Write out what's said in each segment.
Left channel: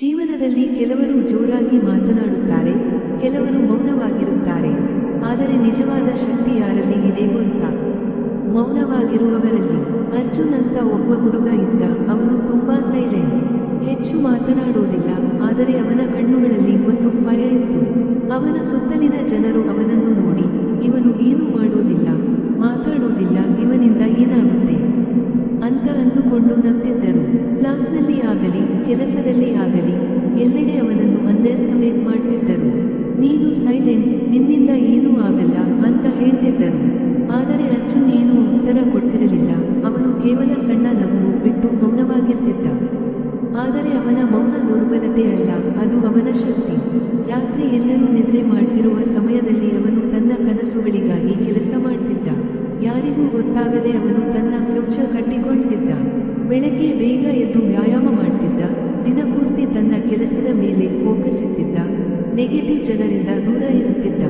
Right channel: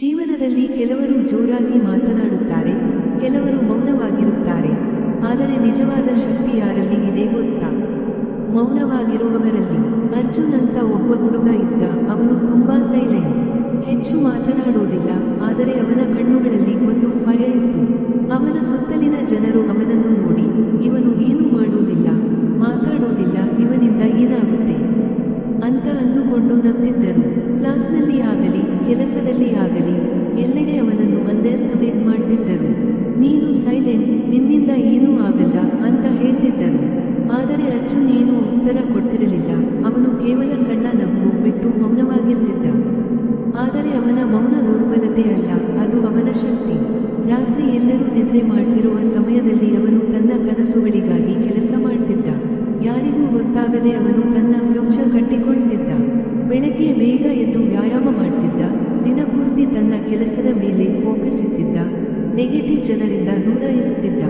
ಜೀವನದಲ್ಲಿ ಕೆಲವರು ಜೋರಾಗಿ ಮಾತನಾಡುತ್ತಾರೆ, ಕೆಲವರು ಮೌನವಾಗಿರುತ್ತಾರೆ. ಆದರೆ ನಿಜವಾದ ಶಕ್ತಿ ಯಾರಲ್ಲಿ ಇದೆ ಗೊತ್ತಾ? ಮೌನವಾಗಿರುವವರಲ್ಲಿ. ಅರ್ಜುನ್ ಅಂತ ಒಬ್ಬ ಹುಡುಗ ಇದ್ದ. ಅವನು ತುಂಬಾ ಸೈಲೆಂಟ್, ಹೆಚ್ಚು ಮಾತನಾಡುವುದಿಲ್ಲ. ಆದರೆ ಅವನ ಕಣ್ಣುಗಳಲ್ಲಿ ಒಂದು ಫೈರ್ ಇತ್ತು. ಅವನ ಸುತ್ತಲಿನ ಜನರು ಅವನನ್ನು ನೋಡಿ, ಇವನು ಏನೂ ಮಾಡೋದಿಲ್ಲ, ಮಾತಾಡೋದಿಲ್ಲ, ಇವನಿಂದ ಏನಾಗುತ್ತೆ ಅಂತ ಅಂದುಕೊಂಡು ನಗ್ತಿದ್ದರು. ಕ್ಲಾಸ್ನಲ್ಲಿ ಆಗಲಿ ಕೆಲಸದಲ್ಲಿ ಆಗಲಿ ಎಲ್ಲೆಡೆ ಅವನನ್ನು ಅಂಡರ್ಎಸ್ಟಿಮೇಟ್ ಮಾಡ್ತಿದ್ದರು. ನೀನು ಸೈಲೆಂಟ್, ನಿನ್ನಿಂದ ಏನೂ ಆಗಲ್ಲ ಅಂತ ಹೇಳ್ತಿದ್ದರು. ಆದರೆ ಅರ್ಜುನ್ ಏನೂ ಉತ್ತರ ಕೊಟ್ಟಿರಲಿಲ್ಲ. ಅವನು ಕೇವಲ ಸಣ್ಣ ನಗು ಬಿಟ್ಟು ಮೌನವಾಗಿರ್ತಿದ್ದ. ಆದರೆ ಅವನ ಮೌನ ದುರ್ಬಲತೆ ಅಲ್ಲ, ಅದು ಅವನ ಶಕ್ತಿ. ರಾತ್ರಿ ಎಲ್ಲರೂ ನಿದ್ರೆ ಮಾಡ್ತಿರುವ ಸಮಯದಲ್ಲಿ ಅವನು ತನ್ನ ಕನಸುಗಳಿಗಾಗಿ ಕೆಲಸ ಮಾಡ್ತಿದ್ದ. ಯಾರಿಗೂ ಗೊತ್ತಾಗದೆ ಅವನು ತನ್ನ ಫ್ಯೂಚರ್ ಕಟ್ಟಿಕೊಳ್ತಿದ್ದ. ಬೆಳಗ್ಗೆ ಬೇಗ ಎದ್ದು ವ್ಯಾಯಾಮ ಮಾಡ್ತಿದ್ದ. ದಿನಪೂರ್ತಿ ತನ್ನ ಕೆಲಸದ ಮೇಲೆ ಫೋಕಸ್ ಇಟ್ಟಿದ್ದ. ನೆಗೆಟಿವ್ ಜನರಿಂದ ದೂರ ಇರುತ್ತಿದ್ದ.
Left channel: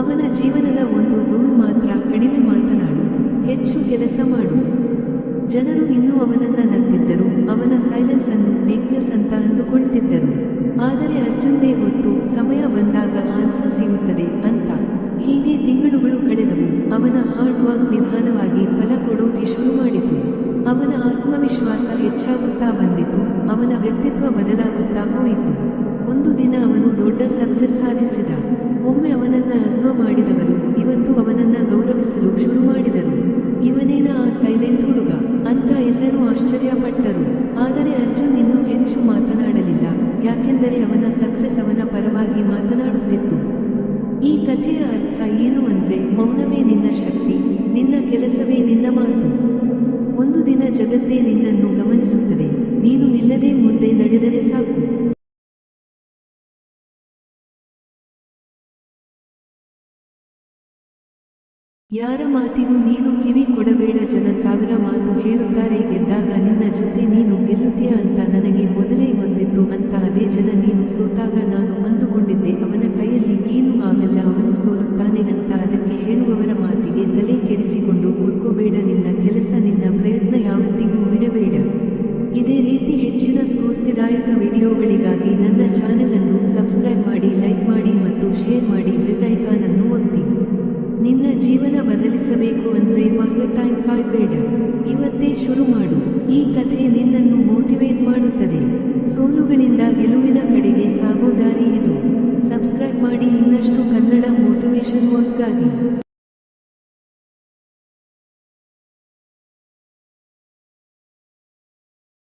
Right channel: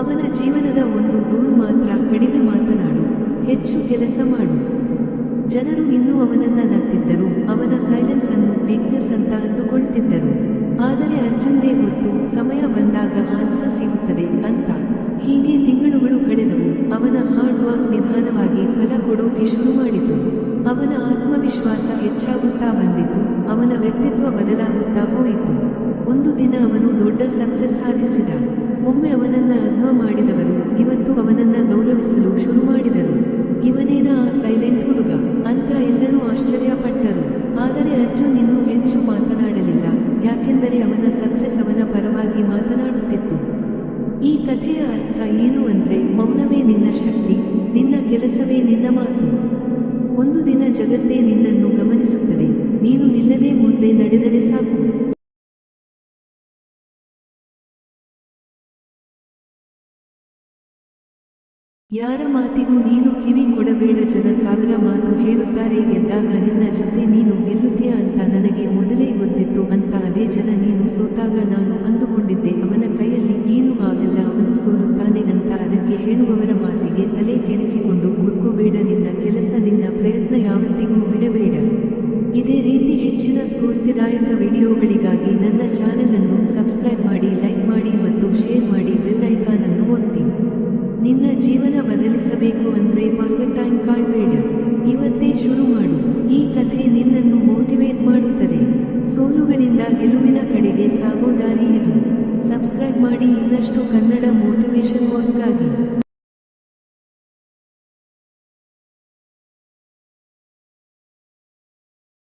ಅವನ ಜೀವನದ ಒಂದು ರೂಲ್ ಮಾತ್ರ, ಕಡಿಮೆ ಮಾತನಾಡು, ಹೆಚ್ಚು ಕೆಲಸ ಮಾಡು. ಜನರು ಇನ್ನೂ ಅವನನ್ನ ನಗ್ತಿದ್ದರು. ಅವನ ಸೈಲೆನ್ಸ್ ಅನ್ನು ವೀಕ್ನೆಸ್ ಅಂತ ಅಂದುಕೊಳ್ತಿದ್ದರು. ಆದರೆ ಅರ್ಜುನ್ಗೆ ಗೊತ್ತು, ಸಮಯ ಬಂದಾಗ ಆನ್ಸರ್ ಸಿಗುತ್ತದೆ ಅಂತ. ಹೀಗೆ ತಿಂಗಳುಗಳು ಕಳೆದವು. ಅವನ ಹಾರ್ಡ್ ವರ್ಕ್ ನಿಧಾನವಾಗಿ ಫಲ ಕೊಡೋಕೆ ಶುರು ಮಾಡಿತು. ಅವನ ಆತ್ಮವಿಶ್ವಾಸ ಹೆಚ್ಚಾಗುತ್ತಾ ಬಂದಿತು. ಅವನ ವ್ಯಕ್ತಿತ್ವ ಬದಲಾಗುತ್ತಾ ಹೋಯಿತು. ಒಂದು ದಿನ ಅವನು ದೊಡ್ಡ ಸಕ್ಸಸ್ ಸಾಧಿಸಿದ. ಒಮ್ಮೆ ಅವನನ್ನ ಅಗ್ನ ಮಾಡಿದವರು ಇವತ್ತು ಅವನನ್ನ ಗೌರವಿಸಲು ಶುರು ಮಾಡಿದರು. ಇವನೇನ ಆ ಸೈಲೆಂಟ್ ಹುಡುಗ ಅಂತ ಎಲ್ಲರೂ ಆಶ್ಚರ್ಯಪಟ್ಟರು. ಆದರೆ ಅರ್ಜುನ್ ಇನ್ನೂ ಹೆಚ್ಚು ಮಾತನಾಡಲಿಲ್ಲ, ಯಾಕೆಂದರೆ ಅವನ ಸಕ್ಸಸ್ ಅವನ ಪರವಾಗಿ ಮಾತನಾಡುತ್ತಿತ್ತು. ಈ ಕಥೆಯ ಅರ್ಥ ಏನು ಅಂದ್ರೆ, ಮೌನವೇ ನಿನ್ನ ಶಕ್ತಿ, ನಿನ್ನ ಕೆಲಸವೇ ನಿನ್ನ ಮಾತು. ಒಂದು ದಿನ ಜಗತ್ತೇ ನಿನ್ನನ್ನು ಗಮನಿಸುತ್ತದೆ. ನೀನು ನಿಲ್ಲದೆ ಮುಂದೆ ನಡೆದರೆ ಸಾಕು. ಯಾರ ಮಾತಿಗೂ ನೀನು ಕಿವಿ ಕೊಡಬೇಡ. ಜನ ಸಾವಿರ ಮಾತು ಹೇಳುತ್ತಾರೆ, ಗೆದ್ದಾಗ ನಿನ್ನ ಜೊತೆ ನೀನು ಗೆಲ್ಲುತ್ತೀಯ ಅಂತ ನನಗೆ ಮೊದಲೇ ಗೊತ್ತಿತ್ತು ಅಂತ. ಅದೇ ಜನ ನೀನು ಸೋತಾಗ ನಾನು ಅಂದುಕೊಂಡಿದ್ದೆ ಅವನ ಕೈಯಲ್ಲಿ ಏನೂ ಆಗಲ್ಲ, ಅವನು ಸೋಲುತ್ತಾನೆ ಅಂತ. ಅದಕ್ಕೆ ಹೇಳುವವರ ಮಾತಿಗೆ ತಲೆ ಕೆಡಿಸಿಕೊಂಡು ಕೂತ್ಕೋಬೇಡ. ನಿನ್ನ ಕೆಲಸ, ನಿನ್ನ ಪ್ರಯತ್ನ ಯಾವತ್ತಿಗೂ ಬಿಡಬೇಡ. ಇದೇ ರೀತಿ ಹೆಚ್ಚಿನ ಸ್ಫೂರ್ತಿದಾಯಕ ವಿಡಿಯೋಗಳಿಗಾಗಿ ನನ್ನ ಚಾನೆಲ್ ಅನ್ನು ಸಬ್ಸ್ಕ್ರೈಬ್ ಮಾಡಿ, ಲೈಕ್ ಮಾಡಿ ಮತ್ತು ಶೇರ್ ಮಾಡಿ. ಬೆಲ್ ಐಕಾನ್ ಅನ್ನು ಒತ್ತಿ. ನಿನ್ನ ಜೀವನ ಬದಲಿಸಬೇಕು ಅಂದ್ರೆ ಪರ್ಫೆಕ್ಟ್ ಟೈಮ್ ಕಾಯ್ಬೇಡ, ಇವತ್ತೇ ಶುರು ಮಾಡು. ಈ ಕಥೆ ನಿನ್ನನ್ನು ಮೋಟಿವೇಟ್ ಮಾಡುತ್ತದೆ. ಸೋಲುಗಳಿಂದ ಗೆಲುವಿನ ಕಡೆಗೆ ಸಾಗೋ ದಾರಿ ಇದು. ಸಬ್ಸ್ಕ್ರೈಬ್ ಮಾಡಿ ಇನ್ನಷ್ಟು ಕನ್ನಡ ಮೋಟಿವೇಶನ್ ವಾಸ್ಗಾಗಿ.